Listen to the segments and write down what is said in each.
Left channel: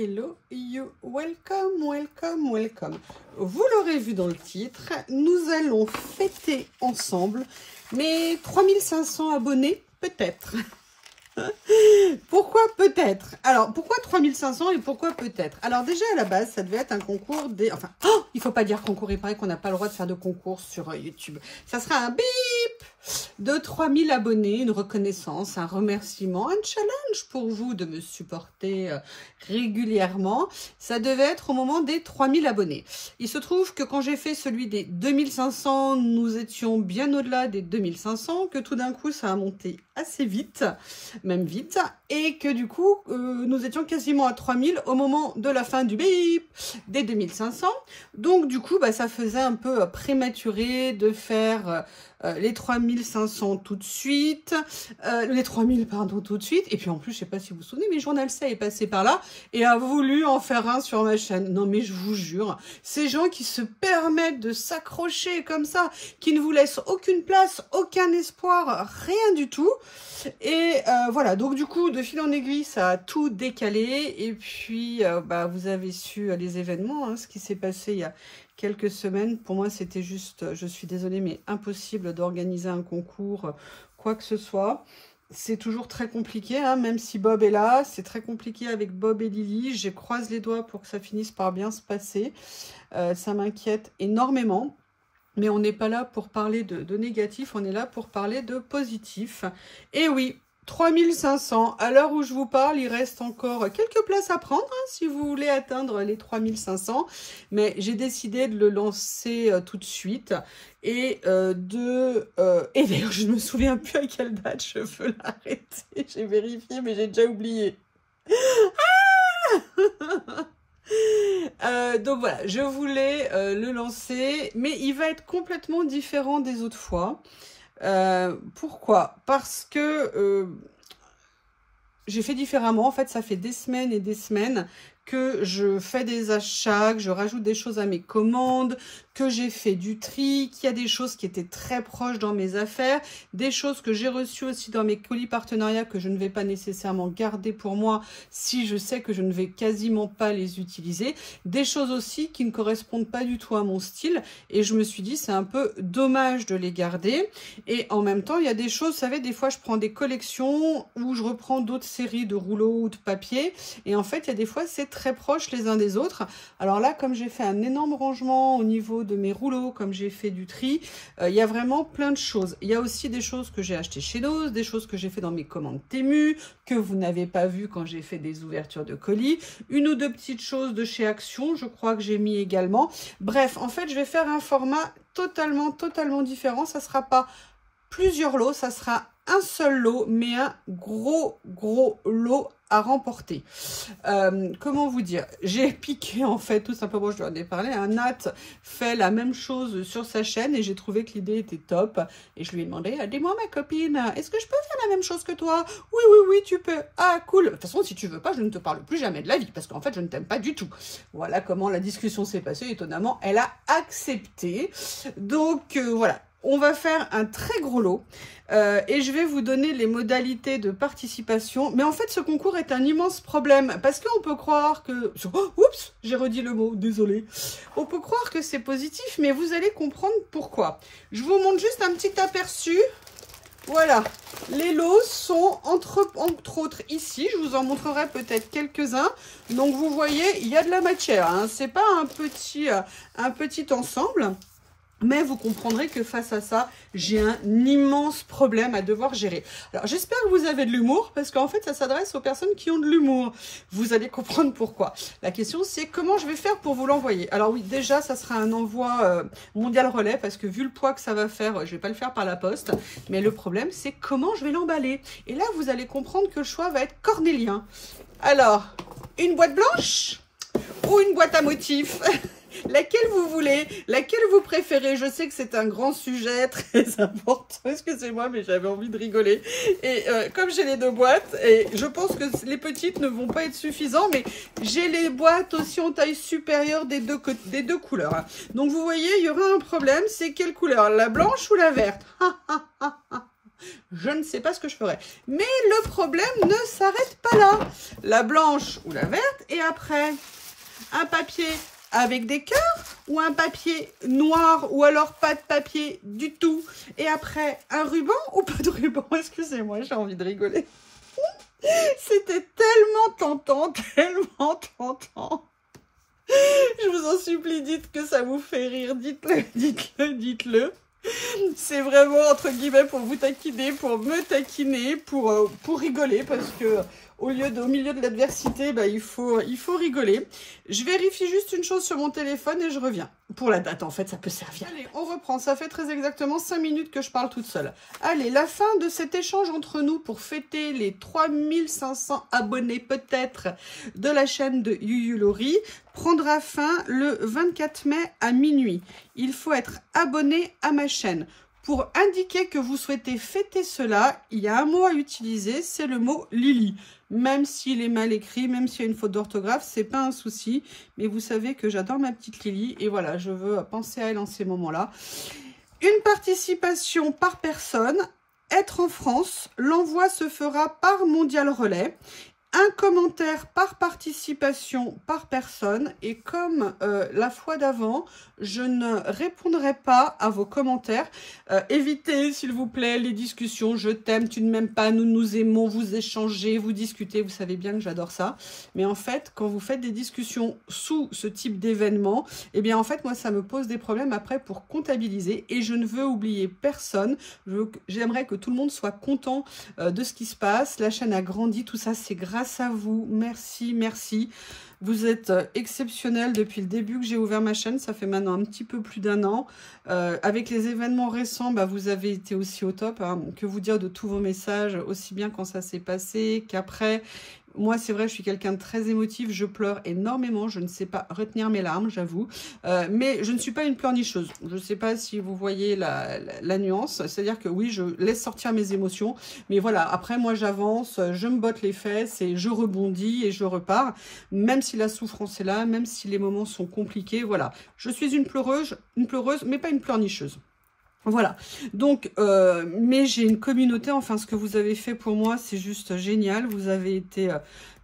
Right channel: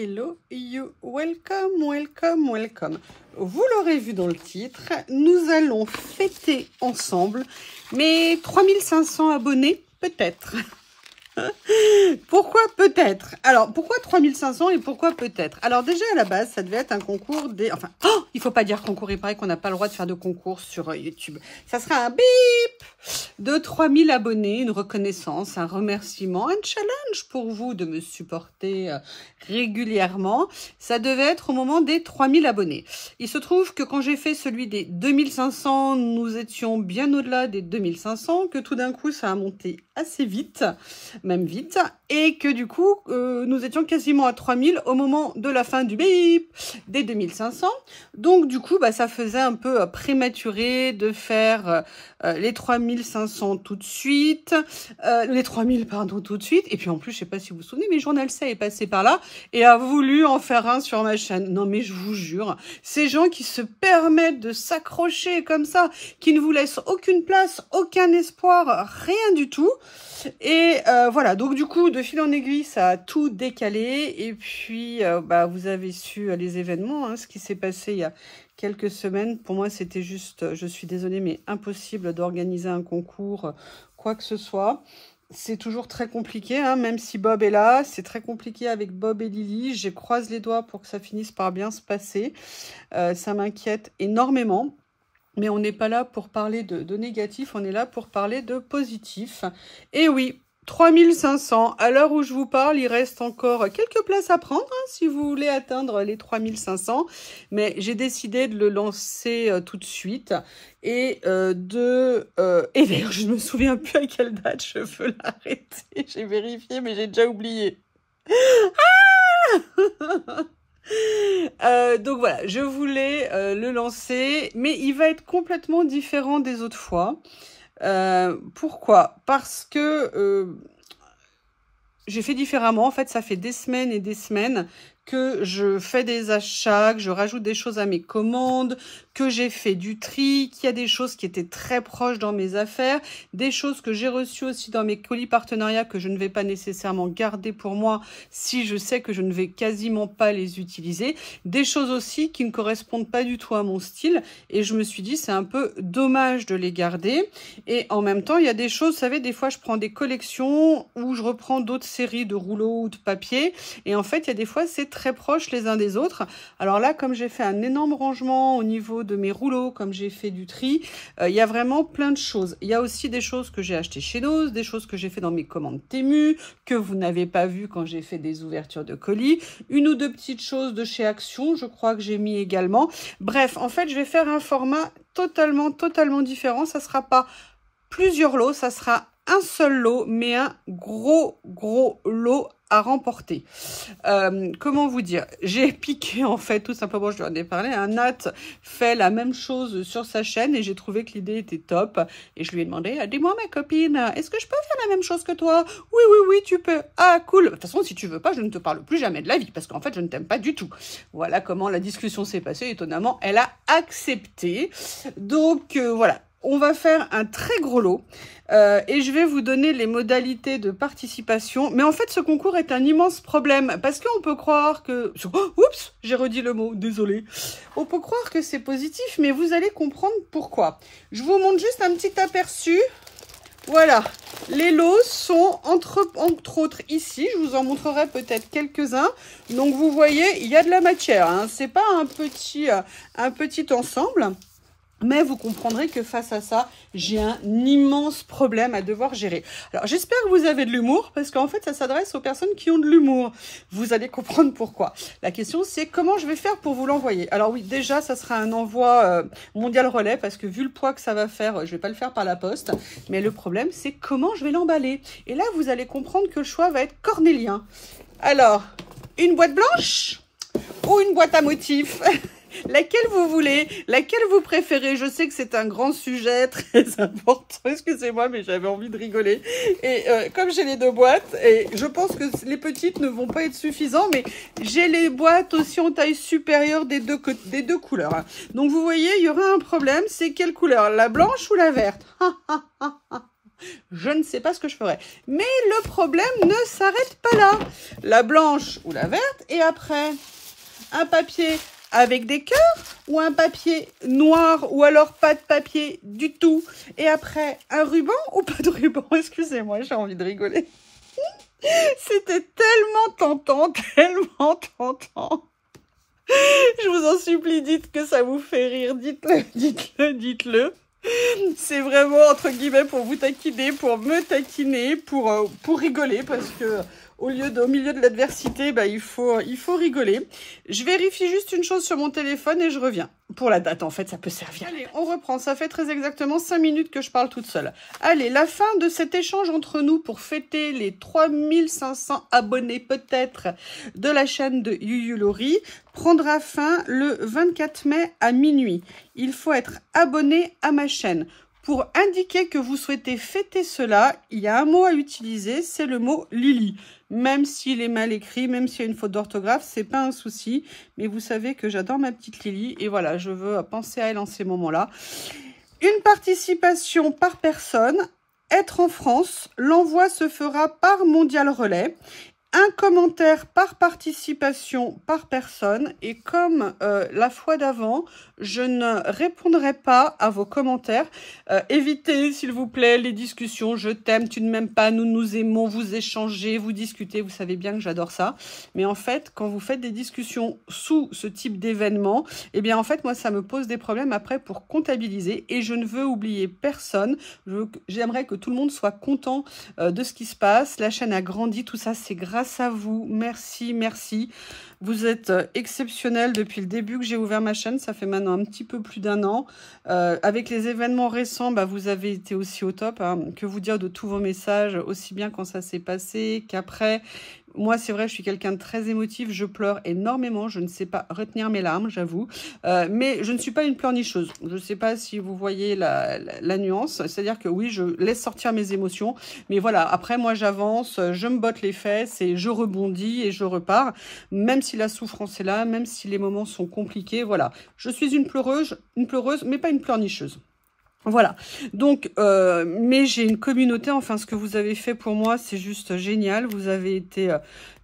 hello you, welcome, welcome, welcome. Vous l'aurez vu dans le titre, nous allons fêter ensemble mes 3500 abonnés, peut-être. Pourquoi peut-être? Alors, pourquoi 3500 et pourquoi peut-être? Alors déjà, à la base, ça devait être un concours des... Enfin, oh, il faut pas dire concours, il paraît qu'on n'a pas le droit de faire de concours sur YouTube. Ça sera un bip de 3000 abonnés, une reconnaissance, un remerciement, un challenge pour vous de me supporter régulièrement. Ça devait être au moment des 3000 abonnés. Il se trouve que quand j'ai fait celui des 2500, nous étions bien au-delà des 2500, que tout d'un coup, ça a monté assez vite, même vite, et que du coup, nous étions quasiment à 3000 au moment de la fin du bip des 2500. Donc, du coup, bah, ça faisait un peu prématuré de faire les 3500 tout de suite, les 3000, pardon, tout de suite. Et puis, en plus, je sais pas si vous vous souvenez, mais Journal C est passé par là et a voulu en faire un sur ma chaîne. Non, mais je vous jure, ces gens qui se permettent de s'accrocher comme ça, qui ne vous laissent aucune place, aucun espoir, rien du tout. Et voilà, donc du coup, de fil en aiguille, ça a tout décalé. Et puis, bah, vous avez su les événements, hein, ce qui s'est passé il y a quelques semaines. Pour moi, c'était juste, je suis désolée, mais impossible d'organiser un concours, quoi que ce soit. C'est toujours très compliqué, hein, même si Bob est là. C'est très compliqué avec Bob et Lily. Je croise les doigts pour que ça finisse par bien se passer. Ça m'inquiète énormément. Mais on n'est pas là pour parler de négatif, on est là pour parler de positif. Et oui, 3500, à l'heure où je vous parle, il reste encore quelques places à prendre, hein, si vous voulez atteindre les 3500. Mais j'ai décidé de le lancer tout de suite. Et et d'ailleurs, je ne me souviens plus à quelle date je veux l'arrêter. J'ai vérifié, mais j'ai déjà oublié. Donc voilà, je voulais le lancer, mais il va être complètement différent des autres fois. Pourquoi? Parce que j'ai fait différemment. En fait, ça fait des semaines et des semaines que je fais des achats, que je rajoute des choses à mes commandes, que j'ai fait du tri, qu'il y a des choses qui étaient très proches dans mes affaires, des choses que j'ai reçues aussi dans mes colis partenariats que je ne vais pas nécessairement garder pour moi si je sais que je ne vais quasiment pas les utiliser, des choses aussi qui ne correspondent pas du tout à mon style et je me suis dit c'est un peu dommage de les garder et en même temps il y a des choses, vous savez, des fois je prends des collections ou je reprends d'autres séries de rouleaux ou de papier et en fait il y a des fois c'est très proche les uns des autres. Alors là, comme j'ai fait un énorme rangement au niveau de mes rouleaux, comme j'ai fait du tri, il y a vraiment plein de choses. Il y a aussi des choses que j'ai achetées chez Noz, des choses que j'ai fait dans mes commandes Temu, que vous n'avez pas vu quand j'ai fait des ouvertures de colis, une ou deux petites choses de chez Action, je crois que j'ai mis également. Bref, en fait, je vais faire un format totalement différent. Ça sera pas plusieurs lots, ça sera un seul lot, mais un gros lot à remporter. Comment vous dire? J'ai piqué en fait, tout simplement, je lui en ai parlé, un Nat fait la même chose sur sa chaîne et j'ai trouvé que l'idée était top. Et je lui ai demandé, dis-moi ma copine, est-ce que je peux faire la même chose que toi? Oui, tu peux. Ah, cool. De toute façon, si tu veux pas, je ne te parle plus jamais de la vie parce qu'en fait, je ne t'aime pas du tout. Voilà comment la discussion s'est passée. Étonnamment, elle a accepté. Donc, voilà. On va faire un très gros lot et je vais vous donner les modalités de participation. Mais en fait, ce concours est un immense problème parce qu'on peut croire que... Oh, oups, j'ai redit le mot, désolé. On peut croire que c'est positif, mais vous allez comprendre pourquoi. Je vous montre juste un petit aperçu. Voilà, les lots sont entre autres ici. Je vous en montrerai peut-être quelques-uns. Donc, vous voyez, il y a de la matière. Hein. C'est pas un petit ensemble. Mais vous comprendrez que face à ça, j'ai un immense problème à devoir gérer. Alors, j'espère que vous avez de l'humour, parce qu'en fait, ça s'adresse aux personnes qui ont de l'humour. Vous allez comprendre pourquoi. La question, c'est comment je vais faire pour vous l'envoyer. Alors oui, déjà, ça sera un envoi mondial relais, parce que vu le poids que ça va faire, je vais pas le faire par la poste. Mais le problème, c'est comment je vais l'emballer. Et là, vous allez comprendre que le choix va être cornélien. Alors, une boîte blanche ou une boîte à motifs? Laquelle vous voulez, laquelle vous préférez? Je sais que c'est un grand sujet très important, excusez-moi, mais j'avais envie de rigoler. Et comme j'ai les deux boîtes, et je pense que les petites ne vont pas être suffisantes, mais j'ai les boîtes aussi en taille supérieure des deux couleurs. Donc vous voyez, il y aura un problème, c'est quelle couleur? La blanche ou la verte? je ne sais pas ce que je ferai. Mais le problème ne s'arrête pas là. La blanche ou la verte, et après, un papier avec des cœurs ou un papier noir ou alors pas de papier du tout. Et après, un ruban ou pas de ruban. Excusez-moi, j'ai envie de rigoler. C'était tellement tentant, tellement tentant. Je vous en supplie, dites que ça vous fait rire. Dites-le, dites-le, dites-le. C'est vraiment, entre guillemets, pour vous taquiner, pour me taquiner, pour rigoler, parce que au milieu de l'adversité, bah, il faut rigoler. Je vérifie juste une chose sur mon téléphone et je reviens. Pour la date, en fait, ça peut servir. Allez, on reprend. Ça fait très exactement 5 minutes que je parle toute seule. Allez, la fin de cet échange entre nous pour fêter les 3500 abonnés peut-être de la chaîne de Yuyu Lori prendra fin le 24 mai à minuit. Il faut être abonné à ma chaîne. Pour indiquer que vous souhaitez fêter cela, il y a un mot à utiliser, c'est le mot Lily. Même s'il est mal écrit, même s'il y a une faute d'orthographe, c'est pas un souci. Mais vous savez que j'adore ma petite Lily et voilà, je veux penser à elle en ces moments-là. Une participation par personne, être en France, l'envoi se fera par Mondial Relais. Un commentaire par participation par personne et comme la fois d'avant, je ne répondrai pas à vos commentaires. Évitez s'il vous plaît les discussions, je t'aime, tu ne m'aimes pas, nous nous aimons, vous échangez, vous discutez, vous savez bien que j'adore ça. Mais en fait, quand vous faites des discussions sous ce type d'événement, eh bien en fait moi ça me pose des problèmes après pour comptabiliser et je ne veux oublier personne. J'aimerais que tout le monde soit content de ce qui se passe. La chaîne a grandi, tout ça c'est grâce à vous, merci, merci. Vous êtes exceptionnels depuis le début que j'ai ouvert ma chaîne, ça fait maintenant un petit peu plus d'1 an. Avec les événements récents, bah, vous avez été aussi au top. Hein. Que vous dire de tous vos messages, aussi bien quand ça s'est passé qu'après. Moi, c'est vrai, je suis quelqu'un de très émotif, je pleure énormément, je ne sais pas retenir mes larmes, j'avoue. Mais je ne suis pas une pleurnicheuse. Je ne sais pas si vous voyez la nuance. C'est-à-dire que oui, je laisse sortir mes émotions. Mais voilà, après, moi, j'avance, je me botte les fesses et je rebondis et je repars. Même si la souffrance est là, même si les moments sont compliqués, voilà. Je suis une pleureuse, mais pas une pleurnicheuse. Voilà, donc, mais j'ai une communauté, enfin, ce que vous avez fait pour moi, c'est juste génial. Vous avez été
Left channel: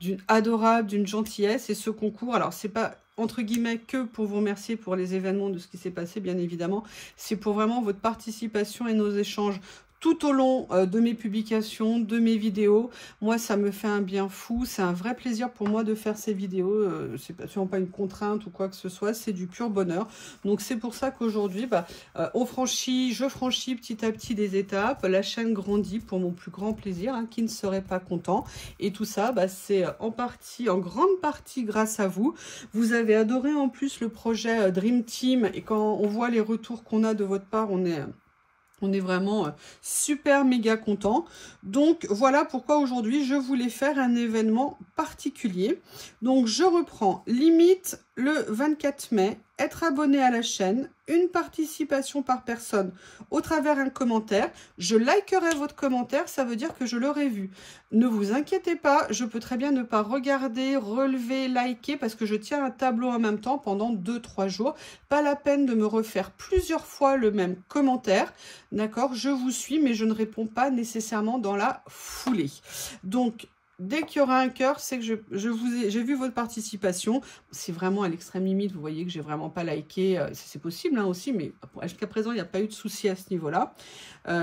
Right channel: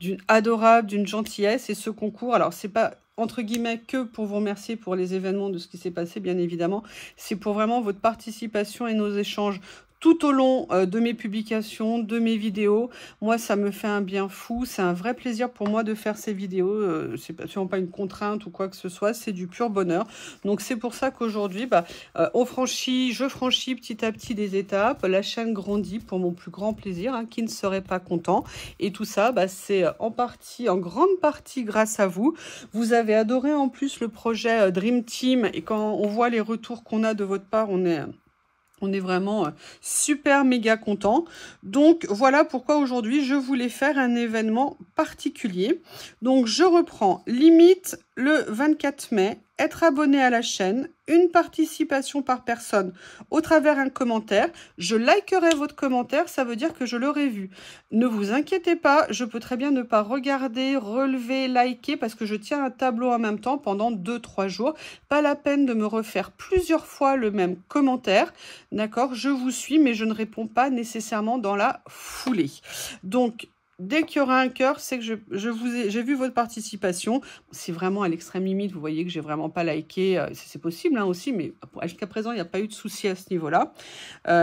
d'une adorable, d'une gentillesse, et ce concours, alors, c'est pas, entre guillemets, que pour vous remercier pour les événements de ce qui s'est passé, bien évidemment, c'est pour vraiment votre participation et nos échanges tout au long de mes publications, de mes vidéos. Moi, ça me fait un bien fou. C'est un vrai plaisir pour moi de faire ces vidéos. C'est absolument pas une contrainte ou quoi que ce soit. C'est du pur bonheur. Donc, c'est pour ça qu'aujourd'hui, bah, je franchis petit à petit des étapes. La chaîne grandit pour mon plus grand plaisir. Hein, qui ne serait pas content. Et tout ça, bah, c'est en grande partie grâce à vous. Vous avez adoré en plus le projet Dream Team. Et quand on voit les retours qu'on a de votre part, on est vraiment super méga content. Donc, voilà pourquoi aujourd'hui, je voulais faire un événement particulier. Donc, je reprends. Limite le 24 mai. Être abonné à la chaîne. Une participation par personne au travers un commentaire. Je likerai votre commentaire. Ça veut dire que je l'aurai vu. Ne vous inquiétez pas. Je peux très bien ne pas regarder, relever, liker parce que je tiens un tableau en même temps pendant 2-3 jours. Pas la peine de me refaire plusieurs fois le même commentaire. D'accord, je vous suis, mais je ne réponds pas nécessairement dans la foulée. Donc, dès qu'il y aura un cœur, c'est que j'ai vu votre participation. C'est vraiment à l'extrême limite. Vous voyez que j'ai vraiment pas liké. C'est possible hein, aussi, mais jusqu'à présent, il n'y a pas eu de souci à ce niveau-là.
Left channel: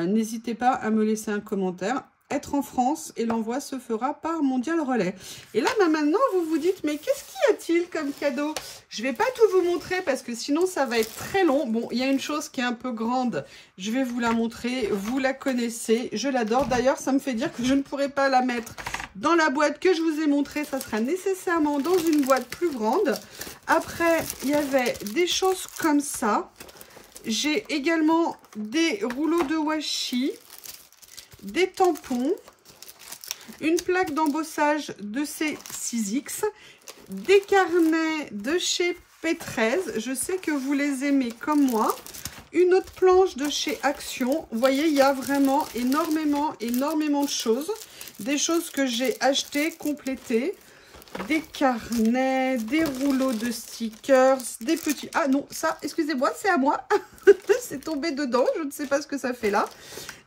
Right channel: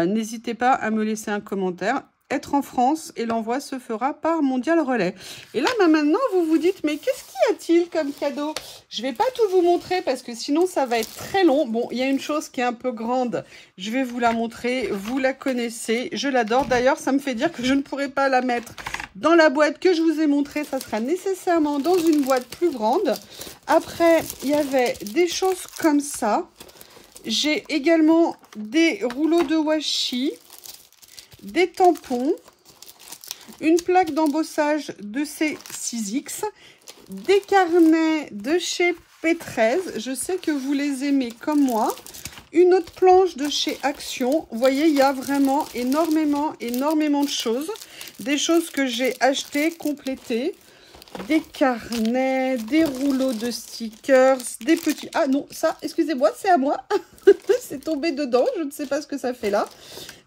N'hésitez pas à me laisser un commentaire. Être en France et l'envoi se fera par Mondial Relais. Et là, bah, maintenant, vous vous dites, mais qu'est-ce qu'y a-t-il comme cadeau? Je vais pas tout vous montrer parce que sinon, ça va être très long. Bon, il y a une chose qui est un peu grande. Je vais vous la montrer. Vous la connaissez. Je l'adore. D'ailleurs, ça me fait dire que je ne pourrai pas la mettre dans la boîte que je vous ai montrée. Ça sera nécessairement dans une boîte plus grande. Après, il y avait des choses comme ça. J'ai également des rouleaux de washi. Des tampons, une plaque d'embossage de chez 6X, des carnets de chez P13, je sais que vous les aimez comme moi, une autre planche de chez Action. Vous voyez, il y a vraiment énormément de choses, des choses que j'ai achetées, complétées. des carnets, des rouleaux de stickers, des petits... Ah non, ça, excusez-moi, c'est à moi. C'est tombé dedans, je ne sais pas ce que ça fait là.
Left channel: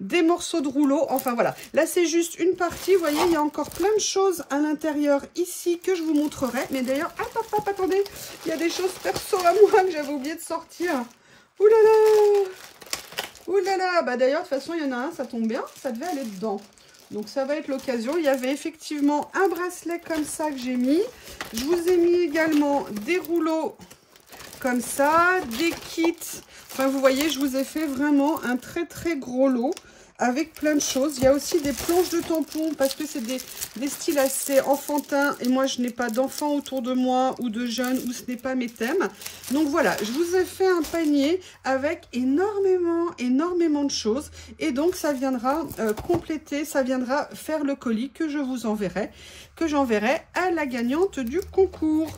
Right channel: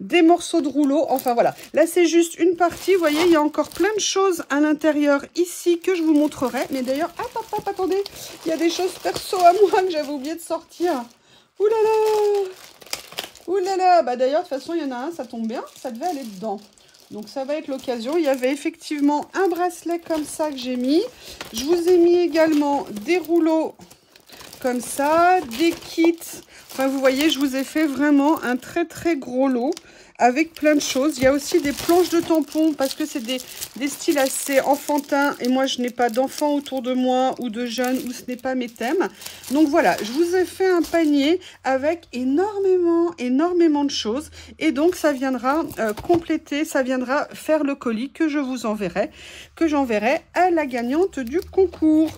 Des morceaux de rouleau, enfin voilà. Là, c'est juste une partie, vous voyez, il y a encore plein de choses à l'intérieur ici que je vous montrerai. Mais d'ailleurs, hop, attendez, il y a des choses perso à moi que j'avais oublié de sortir. Ouh là là! Ouh là là! Bah d'ailleurs, de toute façon, il y en a un, ça tombe bien, ça devait aller dedans. Donc, ça va être l'occasion. Il y avait effectivement un bracelet comme ça que j'ai mis. Je vous ai mis également des rouleaux comme ça, des kits. Enfin, vous voyez, je vous ai fait vraiment un très, très gros lot avec plein de choses. Il y a aussi des planches de tampons parce que c'est des styles assez enfantins. Et moi, je n'ai pas d'enfants autour de moi ou de jeunes où ce n'est pas mes thèmes. Donc, voilà, je vous ai fait un panier avec énormément de choses. Et donc, ça viendra compléter, ça viendra faire le colis que je vous enverrai, que j'enverrai à la gagnante du concours.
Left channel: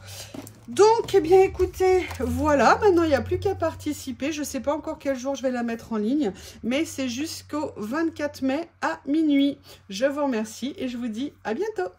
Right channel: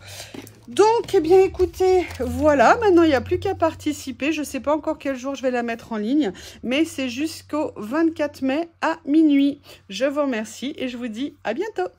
Donc, eh bien, écoutez, voilà, maintenant, il n'y a plus qu'à participer. Je ne sais pas encore quel jour je vais la mettre en ligne, mais c'est jusqu'au 24 mai à minuit. Je vous remercie et je vous dis à bientôt.